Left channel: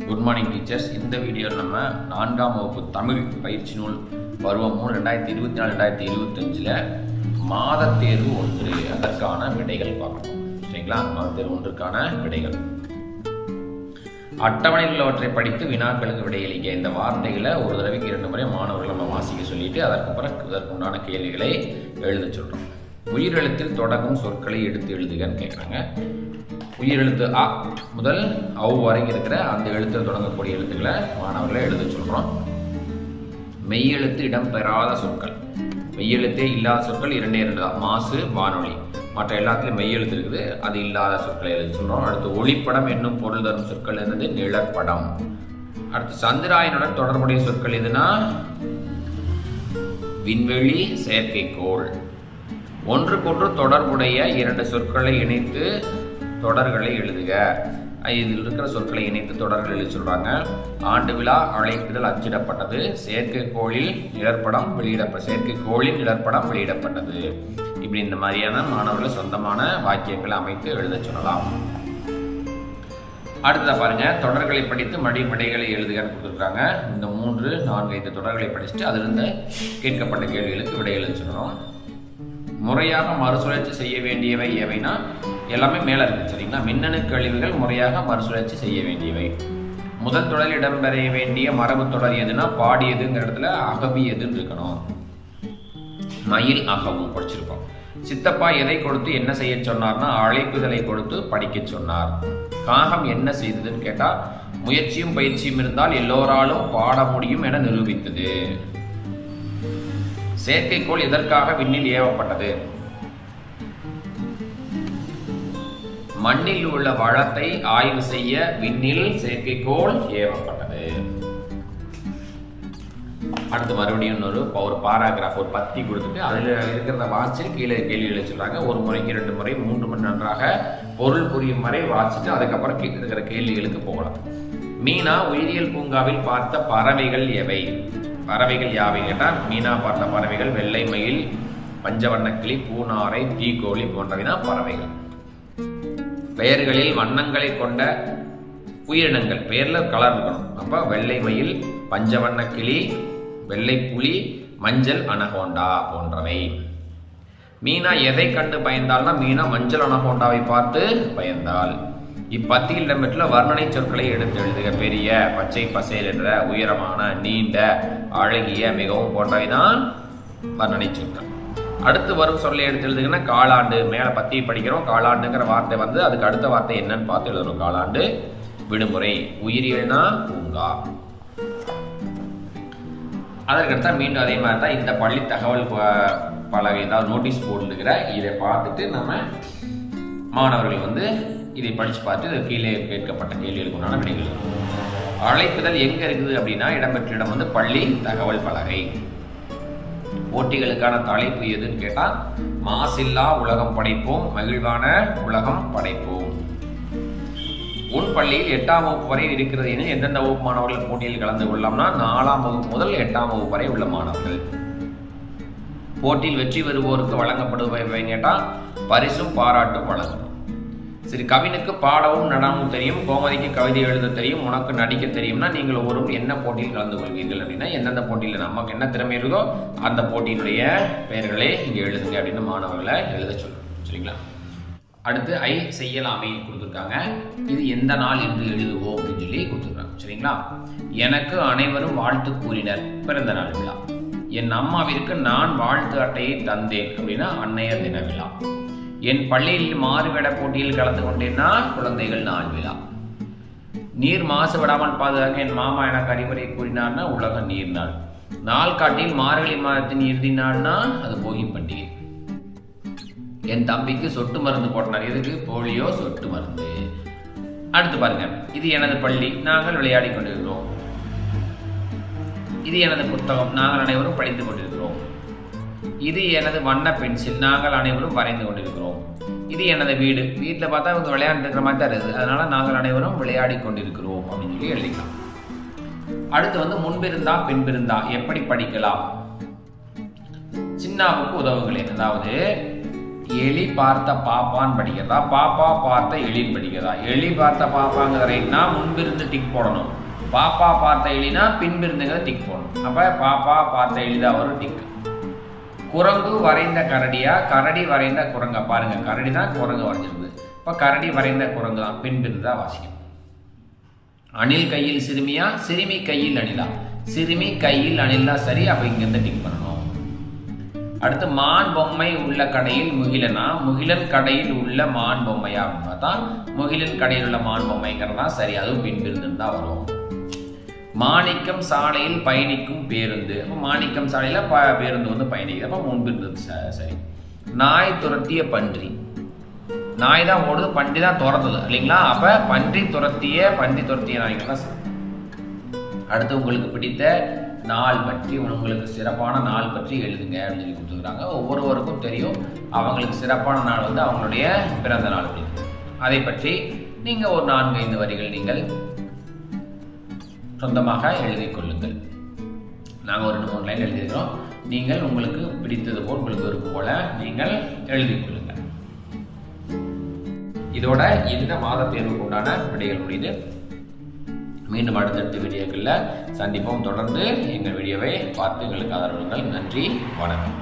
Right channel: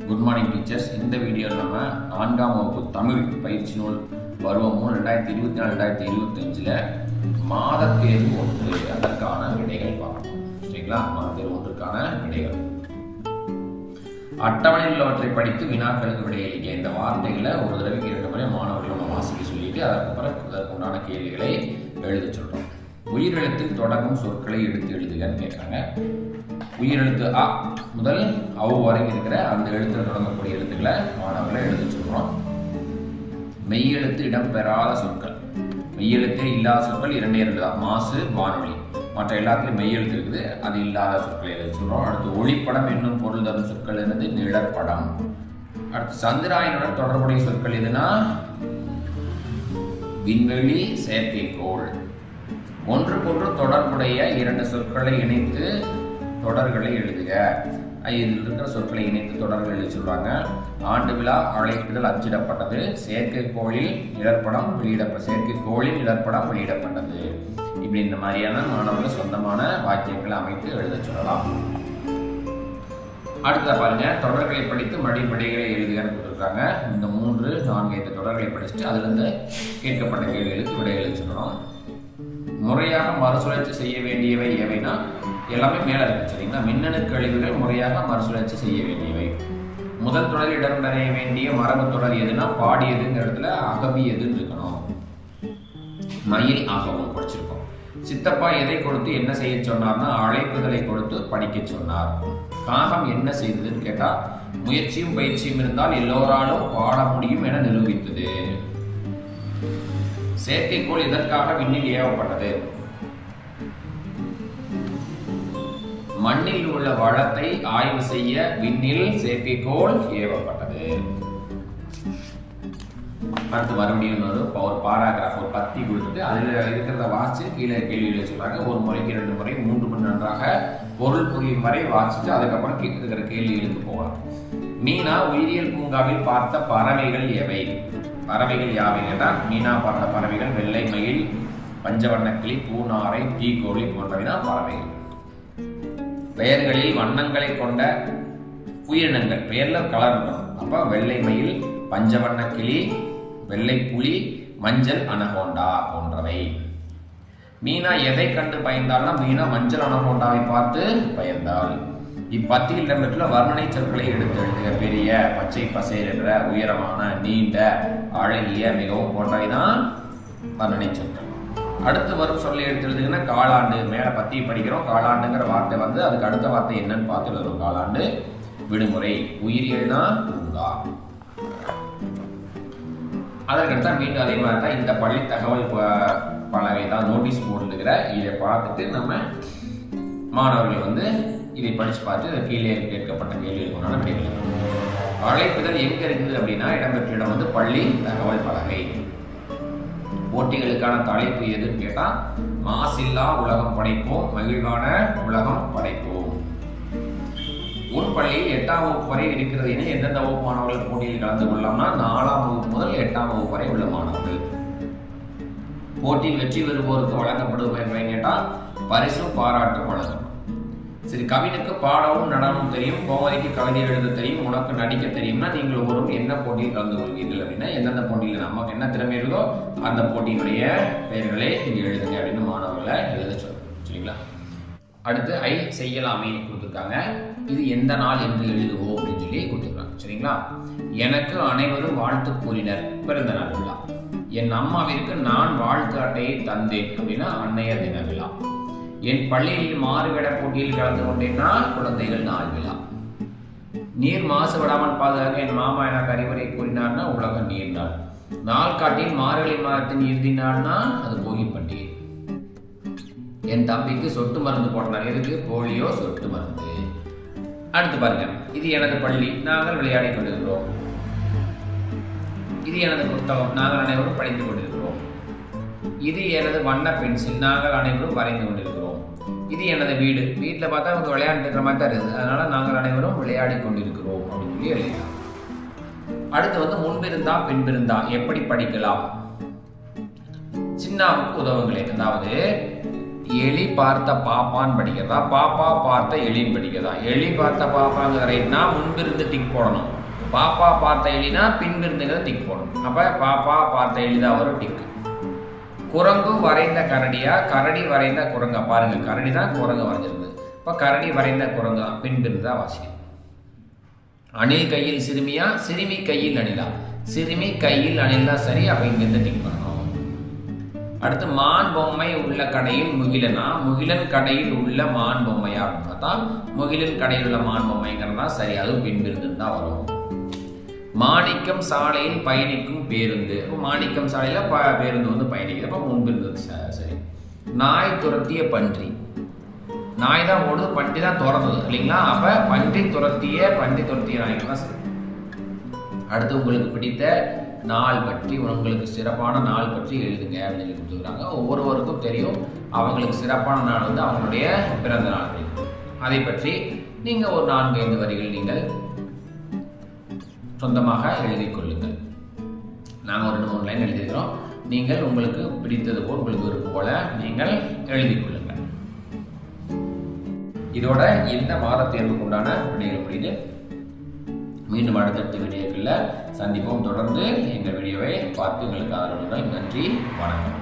Good morning teachers இந்த வீடியோவில் நம்ம நான்காம் வகுப்பு தமிழ் பயிற்சி நூல் பருவம் மூணு ரெண்டாயிரத்தி இருபத்தி நாலு ரெண்டாயிரத்தி இருபத்தஞ்சில் மாத தேர்வு ஒன்று. அதற்கான விடைகள் பார்க்கணும் சரிங்களா? மாத தேர்வு ஒன்றுக்கான விடைகள். அட்டவணையில் உள்ளவற்றை படித்து வினாக்களுக்கு விடையளிக்க இந்த வார்த்தைகளை ஒரு தடவைக்கு இரண்டு முறை மாணவர்கள் நம்ம வாசிக்க சொல்லிட்டு அதற்கு பிறகு அதற்குண்டான கேள்விகளை எழுத சொல்கிறோம் உயிரெழுத்தில் தொடங்கும் சொற்களை எடுத்து எழுதுகன்னு கேட்குறாங்க உயிரெழுத்து அ முதல் அவ் வரைக்கும் இருக்கிற அந்த எழுத்தில் தொடங்கக்கூடிய எழுத்துக்களை மாணவர்களை எழுத சொல்கிறோம் மெய்யெழுத்து இடம்பெறாத சொற்கள். மெய்யெழுத்தே இல்லாத சொற்கள் இரண்டே இரண்டு தான். மாசு வானொலி. மற்ற எல்லாத்துலையும் மெய்யெழுத்து இருக்குது. அது இல்லாத சொற்களை எழுத சொல்கிறோம் அடுத்து ஒளிப்படம் என்னும் பொருள் தரும் சொற்கள் என்னது? நிழற்படம். அடுத்து சந்திராயனுடன் தொடர்புடைய சொற்கள் எதுனா? விண்வெளி செயற்கைக்கோள். ஒன்றுக்கொன்று தொடர்புடைய இரண்டு சொற்களை இணைத்து தொடர்களை எழுதுக. இதில் இருக்கிற சொற்களை இணைத்து தொடர்கள் எழுதி சொல்கிறாங்க ஆண்டு விழா அழைப்புதல் அச்சிடப்பட்டது. செயற்கைக்கோளில் நிழற்படம் வெளியிடப்ப செயற்கைக்கோளில் நிழற்படம் வெளியிடப்பட்டது. இப்படி இந்த மாதிரியான மாணவர்கள் சொந்தமான வாக்கியங்களை அமைத்து எழுத சொல்லலாம். அடுத்ததாக பாருங்கள் தொடர்களை படித்து மடி மடிகளை எழுதுகன்னு கொடுத்துருக்காங்க. இந்த மூன்று நான்கு ஐந்து தொடர்களை படிச்சுட்டு அதிலிருந்து கேட்கப்பட்ட கேள்விகளுக்கு விடை எழுதி சொல்லணும். முறையாக மறுசுழற்சி செய்ய வேண்டியவை எவைனா எல்லாமே மேலே இருக்குது சரிங்களா? மின்னணு கழிவுகள் முறையாக மறுசுழற்சி செய்ய வேண்டியவை. முதல் தொடர் இடம்பெற வேண்டிய மரபு தொடர் எதுனா பாடியதுங்கிற இடத்துல அகவி எதுன்னு இருக்கணும். மயில் அகவும் படிச்சிருக்கோம் சித்தப்பா எதை கொடுத்து என்ன செய்ய சொன்னார்னா அழைப்புதலை கொடுத்து படிக்க சொன்னார். காகம் என்ன செய்ததுன்னு கேட்டால் முயற்சியும் பயிற்சியும் இருந்தால் எல்லோராலும் பாட முடியும் என நிரூபித்தது. செயற்கைக்கோள் இதற்காக விண்ணில் ஏவப்பட்டது? மண்ணில் உள்ள வளத்தை ஆய்வு செய்ய விண்ணில் செயற்கைக்கோள் ஏவப்பட்டது. அடுத்து மறுபடியும் இன்னொரு ஒரு பாராகிராஃப் ஒரு பத்தி கொடுத்துட்டு அதில் இருக்கிறத வாசிச்சு கீழே கேள்வி எழுதி சொல்றாங்க. ஒரு முறைக்கு ரெண்டு முறை மூன்று மணி நன்றாக பொருள் புரியும் வரை வாசிச்சுட்டு அதுக்கப்புறம் கீழே இருக்கிற கேள்விகளுக்கு போகலாம். மீனா உயிரியல் பூங்காவில் பார்த்த பறவைகள் எவை? பறவைகள் யாவை கேட்டால் மீனா பார்த்த பறவைகள் வெள்ளை மயில் பஞ்சவண்ணக்கிளி பூனாரை தீக்கோழி போன்றவை தான் பறவைகள். பெயர்களில் வண்ணங்களை கொண்ட உயிரினங்கள். பெயரில் கலர் இருக்கணும் அப்போ வெள்ளை மயில் பஞ்சவண்ண கிளி வெள்ளை புலி மஞ்சள் அனகோண்டா போன்றவை. மீனா எதை கண்டு பயந்தாள்னா மீனா மஞ்சள் அனகோண்டாவை பார்த்து பயந்தாள். இப்பத்தியில் இடம்பெற்றுள்ள வர்ணனை சொற்களை எடுத்து எழுதுக பெரிய பச்சை பசையில் என்ற உயரமான நீண்ட அழகிய மிகவும் போன்றவை தான் வர்ணனை சொற்கள். அடுத்து வரும் சொல்லை எடுத்து எழுதுங்கன்னா காலாண்டு. மேலே பற்றி படிக்கிறோம். காலாண்டுங்கிற வார்த்தை வந்து அதுக்கு அடுத்த வார்த்தை என்னன்னு பார்த்து எழுதுறோம் காலாண்டு விடுமுறை. உயிரியல்னா பூங்கா. அதற்கடுத்தா மீண்டும் அதே மாதிரி தான் இந்த பள்ளி தகவல் ப- பலகை தான் நோட்டீஸ் போட்டுருக்கிற இதை பார்த்துட்டு நம்ம மாணவர்கள் வந்து இதை படித்து பார்த்து கீழே கேட்கப்பட்ட கேள்விகளுக்கு உண்டான விடைகள் அழைப்புதல் எங்கே இருக்குது அப்படின்னா இடம்பெற்ற இடம் வந்து பள்ளி தகவல் பலகை. போட்டிகளுக்கான தலைப்பு எதுன்னு கேட்டால் மாசில்லா உலகம் படைப்போம் மகிழ்வான உலகம் படைப்போம். உன் பள்ளியில் எட்டாம் வகுப்பு வரை இருக்கிறது என எந்தெந்த வகுப்பு மாணவர்கள் போட்டியில் கலந்து கொள்ளலாம்னா நாலாம் வகுப்பு முதல் எட்டாம் வகுப்பு வரை உள்ள மாணவர்கள். போட்டியில் வெற்றி பெறுவோருக்கு வழங்கப்படுபவை கேட்டால் பரிசும் பாராட்டும் வழங்கணும். சரி கவினுக்கு பாடவும் நடனமும் தெரியும் கோமதிக்கு கவிதை எழுத தெரியும் உனக்கு நடிக்க தெரியும்னா நீங்கள் ஒவ்வொருவரும் என்ன போட்டியில் கலந்து கொள்வீர்கள் அப்படின்னா எந்தெந்த போட்டியில் நமக்கு என்ன திறமை இருக்கோ அந்த போட்டியினுடைய பெயர்களை இங்கே எழுதுங்க அப்படின்னு மாணவர்களை எழுத சொல்லணும் சரிங்களா? அடுத்து ஐ செய்யலாமே கொடுத்துருக்காங்க. இது எந்த நாள் என்று எழுதுவோம் அப்படின்னு சொல்லி கொடுத்துருக்காங்க சரிங்களா? எனக்கு அனைவரும் வாழ்த்து கூறினர் பிறந்த நாள் விழா. என் அம்மாவிற்கு நான் வாழ்த்து அட்டையை தந்தேன் அப்படின்னா அன்னையர் தின விழா. என் பள்ளியில் மாறுவேட போட்டியில் கலந்து கொண்டேன்னா குழந்தைகள் நாள் விழா. நீர் மாசுபடாமல் பாதுகாக்க என் மாமா எனக்கு அறிவுரை கூறினார்னா உலக நீர் நாள். நாள் காட்டில் மார்கழி மாதத்தின் இறுதி நாள்னா அது போகி பண்டிகை. என் தம்பிக்கு சொட்டு மருந்து போட்டனர். எதுக்கு? போலியோ சொட்டு மருந்து. அடுத்து பாருங்க. இது எனது பள்ளி. நாங்கள் விளையாடி கொண்டிருக்கிறோம். இது எனது புத்தகம். நாங்கள் அனைவரும் படித்து கொண்டிருக்கிறோம். இது எனது வண்ண பென்சில். நாங்கள் அனைவரும் வரைந்து கொண்டிருக்கிறோம். இது எனது வீடு. வீட்டில் பார்த்தா இவங்க விளையாண்டு இருக்கிற மாதிரி தான் இருக்குது. அதனால நாங்கள் அனைவரும் விளையாடி கொண்டிருக்கிறோம் அப்படின்னு சொல்லி எழுதிக்கலாம். அடுத்து வந்து முன்பிருந்தா பின்பிருந்தா எப்படி படிக்கலாம்? சின்னாவுக்கு உதவுங்களேன். அதாவது எலி பார்த்த பாப்பான்னு படிக்கிறதா? பாப்பா பார்த்த எலின்னு படிக்கிறதா? எலி பார்த்த பாப்பாங்கிற ரைட்னா முன்பிருந்து டிக் போடணும். பாப்பா பார்த்த எலினா பின்பிருந்துங்கிறத டிக் போடணும். அப்போ பாப்பா பார்த்த எலி தான் வரும் டிக்கு குரங்கு வரைந்த கரடியா? கரடி வரைந்த குரங்கா? பாருங்க கரடி தான் குரங்கு வரைஞ்சிருக்கு இப்போ கரடி வரைந்த குரங்கு? தான் பின்பிருந்து தான் வாசிக்கணும் அணில் கையில் சிறுமியா? சிறுமி கையில் அணிலா? சிறுமி கையில் அணில் தான் சரி அப்போ இங்கேருந்து டிக் பண்ணணும். அடுத்து மான் பொம்மை உள்ள கடையில் முகிலனா? முகிலன் கடையில் உள்ள மான் பொம்மையா அப்படின்னு பார்த்தா முகிலன் கடையில் உள்ள மான் பொம்மைங்கிறது தான் சரி அதுவும் பின்பிருந்துன்னு தான் வரும். மாணிக்கம் சாலையில் பயணிக்கும் பேருந்து. அப்போ மாணிக்கம் சாலையில் ப பேருந்து வந்து பயணிக்குது. அப்போ முன்பிருந்து ச- சரி. நாய் துரத்திய பன்றி. நாய் தான் ஓடுது பன்றி தான் துறந்தது இல்லைங்களா? அப்போ பன்றி துரத்திய பன்றி துரத்திய நாய்கள் தான் சரி. அடுத்து உங்களுக்கு பிடித்த நாள் பற்றி உங்களுக்கு சிறப்பான நாள் பற்றி எழுதுங்க அப்படின்னு சொல்லி கொடுத்துருக்காங்க. ஒவ்வொருவருக்கும் தெரியும் அவங்களுக்கு சிறப்பான நாள் வந்து அவங்களுடைய பிறந்த நாள் அப்படின்னு. அதை பற்றி நீங்கள் ஒரு நான்கு ஐந்து வரிகள் நீங்கள் சொந்தமாக எழுதி கொள்ளுங்கள். நாங்கள் ஒரு ரெண்டு மூணு லைன் எழுதியிருக்கிறோம். நீங்கள் உங்களுக்கு பிடித்தது போல் உங்களுக்கு விருப்பம் போல நீங்கள் எழுதி கொள்ளுங்கள். இதோட இந்த மாத தேர்வுக்கு உண்டான விடைகள் முடியுது மீண்டும் அடுத்தடுத்த வீடியோக்களில் சந்திப்போம். தொடர்ந்து எங்கள் வீடியோவை பார்த்து எங்களுக்கு ஆதரவுங்கள் நன்றி வணக்கம்.